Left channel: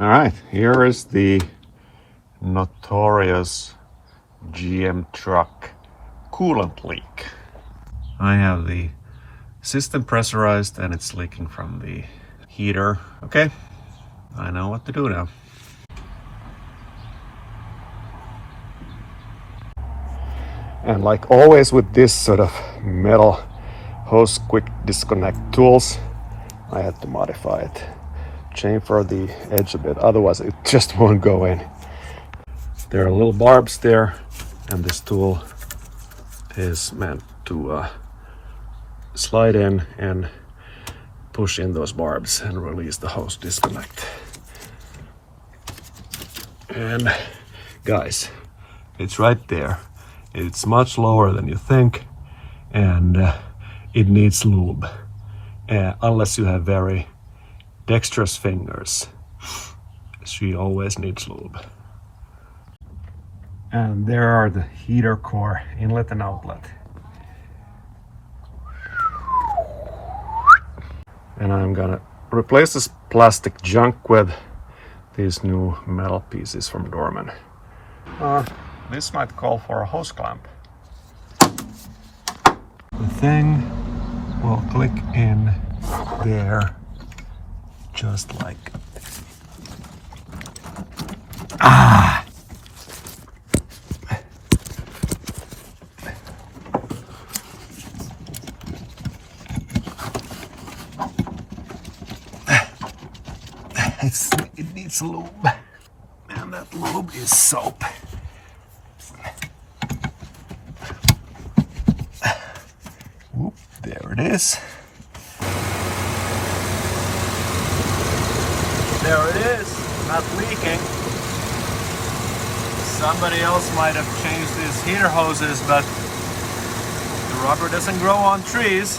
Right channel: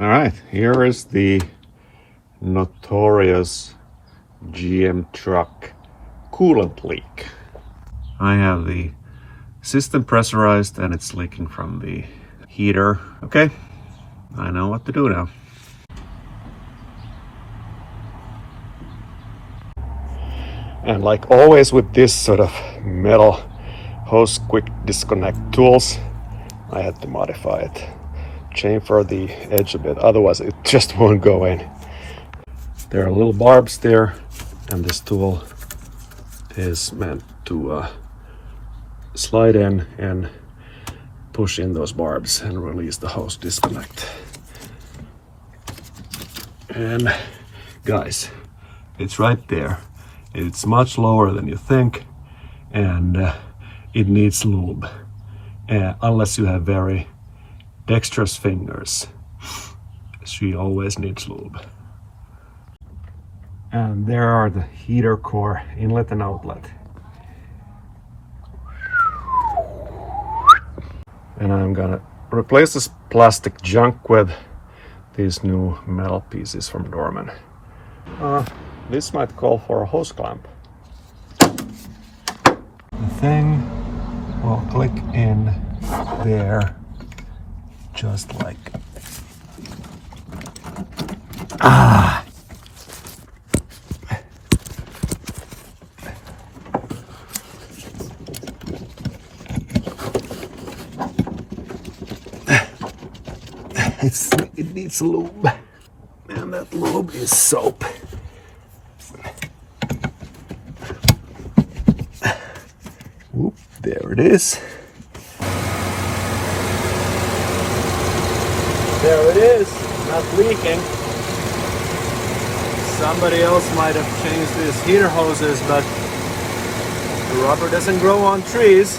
All right, here is the notorious GM truck coolant leak. I have the system pressurized and it's leaking from the heater. Okay, I know what to do now. And like always with this sort of metal hose quick disconnect tools, I had to modify it. Chamfer the edge a bit, otherwise it just won't go in. There are little barbs there, and this tool is meant to slide in and push in those barbs and release the hose disconnect. And guys, it's right there. It's much lower than you think, and it needs lube, unless you have very dexterous fingers. She always needs lube. And there are the heater core inlet and outlet. And I'm gonna replace this plastic junk with these new metal pieces from Dorman. This might call for a hose clamp. The thing will click in there just like it needs lube, and that lube is soap. Oop, there it is. There it is, not leaking. Somebody else might have changed these heater hoses, but the rubber doesn't grow on trees.